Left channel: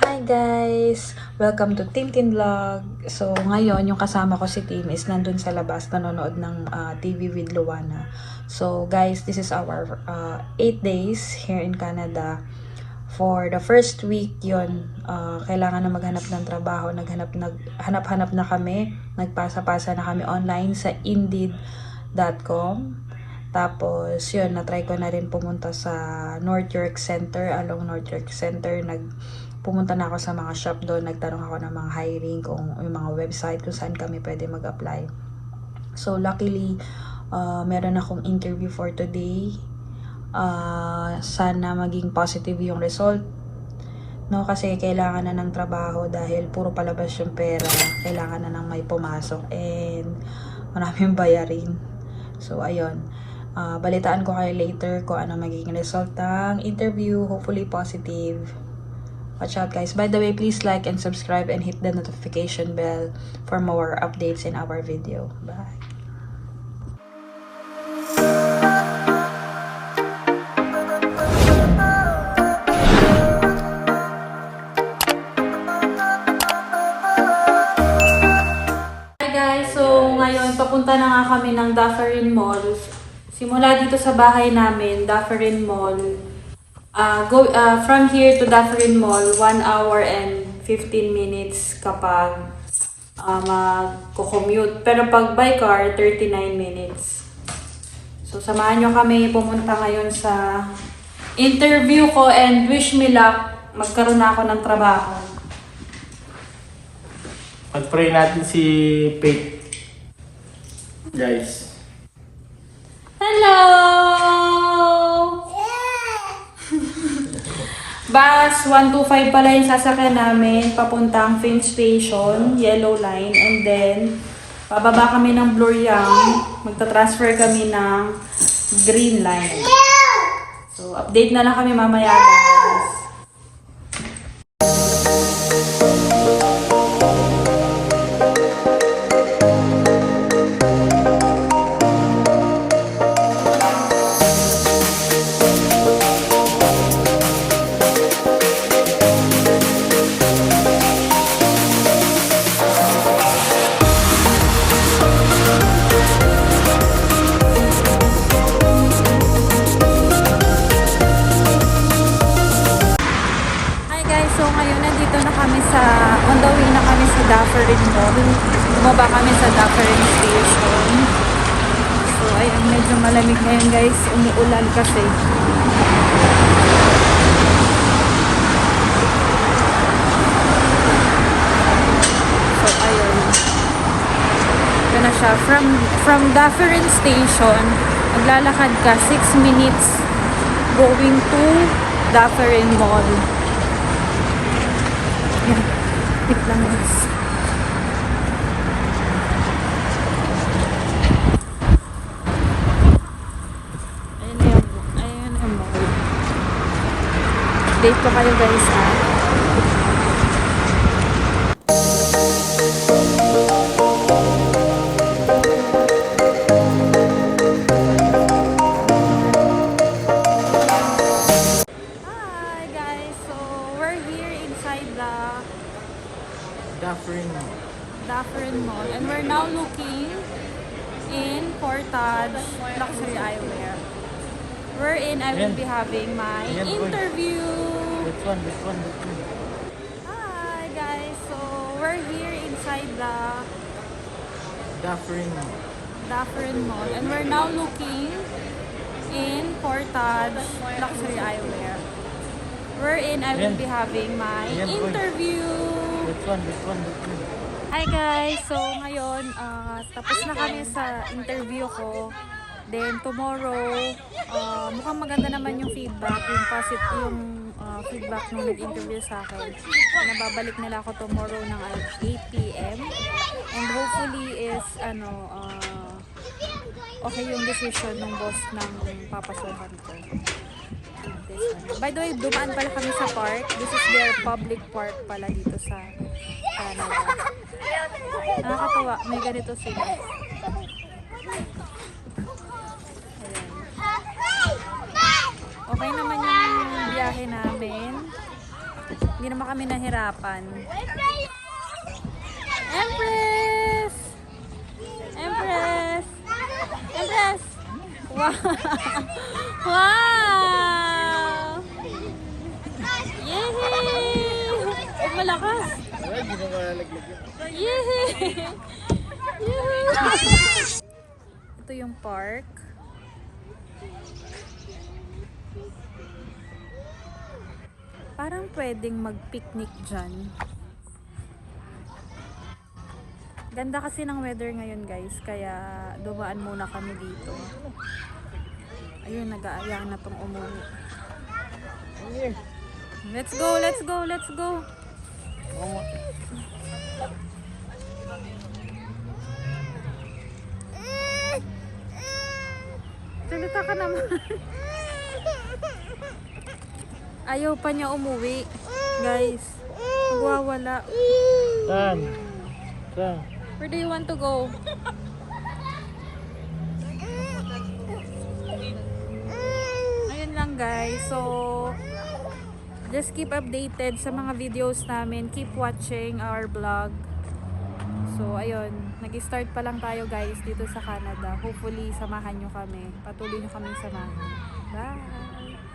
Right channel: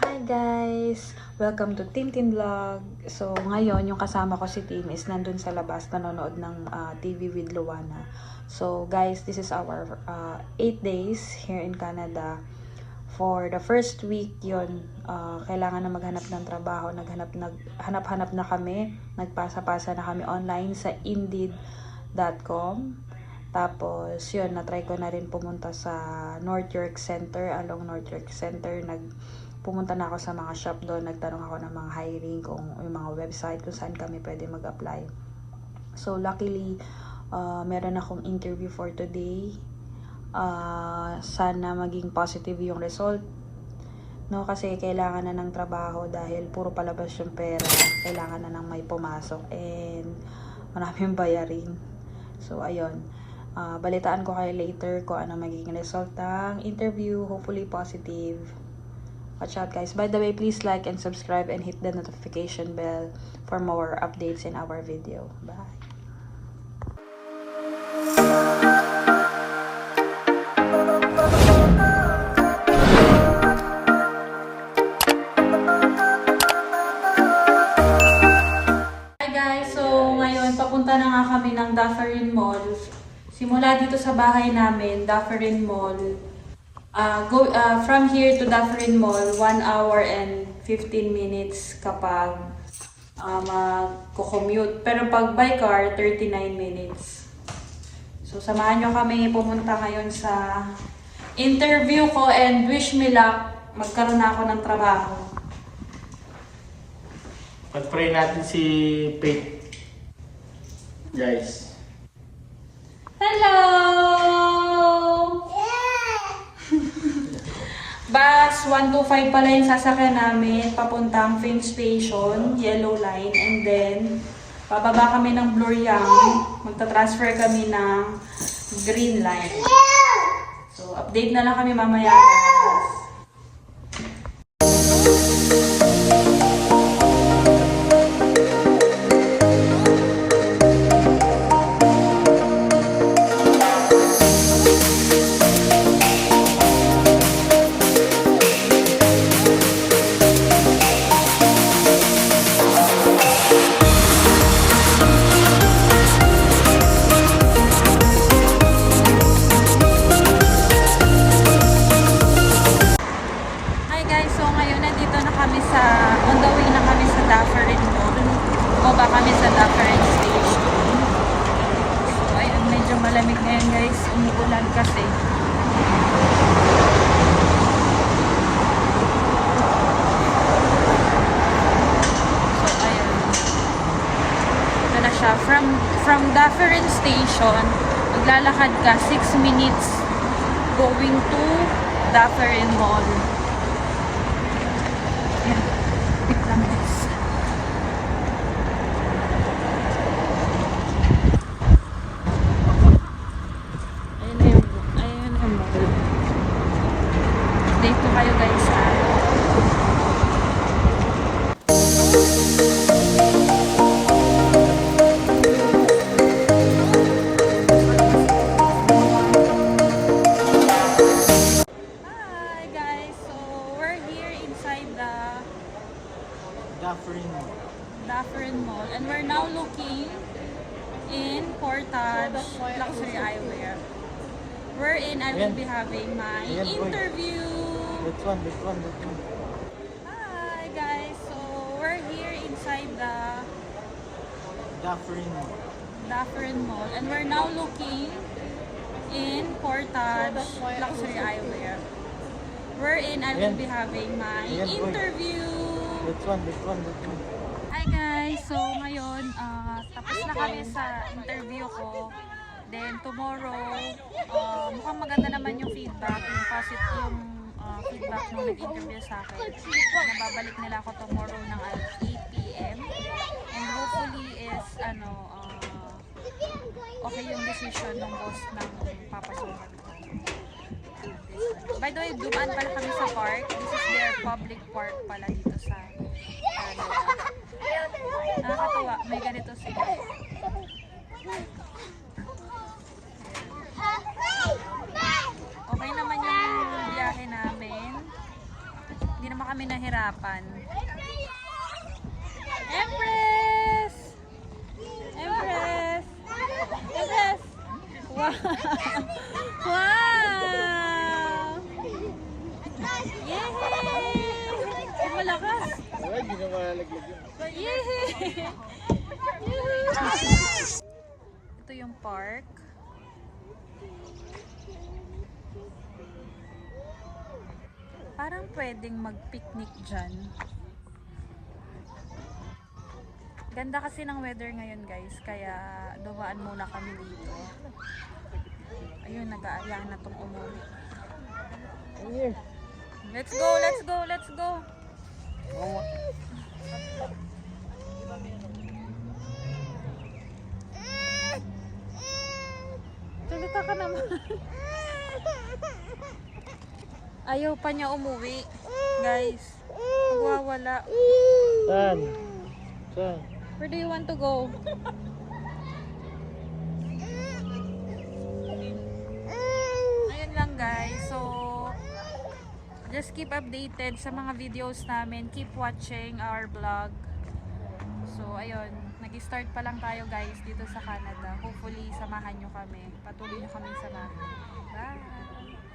Hi guys! Welcome to Tintin Vlog. So ngayon yung kasama ko si Tim is nandun sa labas nanonood ng TV with Luana. So guys, this is our 8 days here in Canada. For the first week yon, kailangan na maghanap ng trabaho. Hanap-hanap na kami. Nagpasa-pasa na kami online sa Indeed.com. Tapos yun, na-try ko na rin pumunta sa North York Center. Along North York Center, pumunta na ako sa mga shop doon, nagtanong ako ng mga hiring, kung yung mga website kung saan kami pwede mag-apply. So luckily, meron akong interview for today. Sana maging positive yung result. No, kasi kailangan na ng trabaho dahil puro palabas yung pera. Kailangan na ng may pumasok and maraming bayarin. So ayun. Balitaan ko kayo later kung ano magiging result ng interview. Hopefully positive. Watch out guys. By the way, please like and subscribe and hit the notification bell for more updates in our video. Bye. Hi guys, so ngayon papunta na nga kami ng Dufferin Mall. Simula dito sa bahay namin, Dufferin Mall. From here to Dufferin Mall, 1 hour and 15 minutes kapag mag-commute. Pero pag by car, 39 minutes. So, samahan nyo kami pumunta ngayon sa interview ko and wish me luck. Magkaroon na ako ng trabaho. Mag-pray natin si Faith. Guys. Hello! Bus 125 pala yung sasakyan namin papuntang Finch Station, Yellow Line, and then bababa kami ng Bloor-Yonge, magta-transfer kami ng Green Line. So update na lang kami mamaya guys. On the way na kami sa Dufferin Mall. Bumaba kami sa Dufferin Station. So, ayun, medyo malamig ngayon guys. Umuulan kasi. So, ayun. Ito na siya. From Dufferin Station, maglalakad ka 6 minutes going to Dufferin Mall. Tip lang guys. Ayun na yung mall. Update ko kayo guys ha. Dufferin Mall, and we're now looking in Portage Luxury Eyewear, wherein I will be having my interview. This one. Hi guys, so we're here inside the Dufferin Mall, and we're now looking in Portage Luxury Eyewear, wherein I will be having my interview. This one. Hi guys! So ngayon, tapos na kami sa interview ko. Then tomorrow, mukhang maganda naman yung feedback, yung feedback nung nag-interview sa akin. Nababalik nila ako tomorrow ng 8 PM. And hopefully is, okay yung decision ng boss ng papasukan ko. By the way, dumaan pala kami sa park. This is their public park pala dito sa Canada. Nakakatuwa, may ganito sila. Ayan. Okay naman yung biyahe namin. Hindi naman kami nahirapan. Empress! Empress! Empress! Wow! Wow! Yehey! Oh, malakas! Wala, hindi mo malalaglag yun. Yehey! Yehey! Ito yung park. Parang pwedeng mag-picnic dyan. Ganda kasi ng weather ngayon guys, kaya dumaan muna kami dito. Ayun, nag-aayang na tong umuwi. Let's go, let's go, let's go! Salita ka naman. Ayaw pa niya umuwi. Guys, magwawala. Saan? Saan? Where do you want to go? Ayun lang guys. So, just keep updated sa mga videos namin. Keep watching our vlog. So, ayun. Nag-start pa lang tayo guys dito sa Canada. Hopefully, samahan nyo kami. Patuloy nyo kaming samahan. Bye!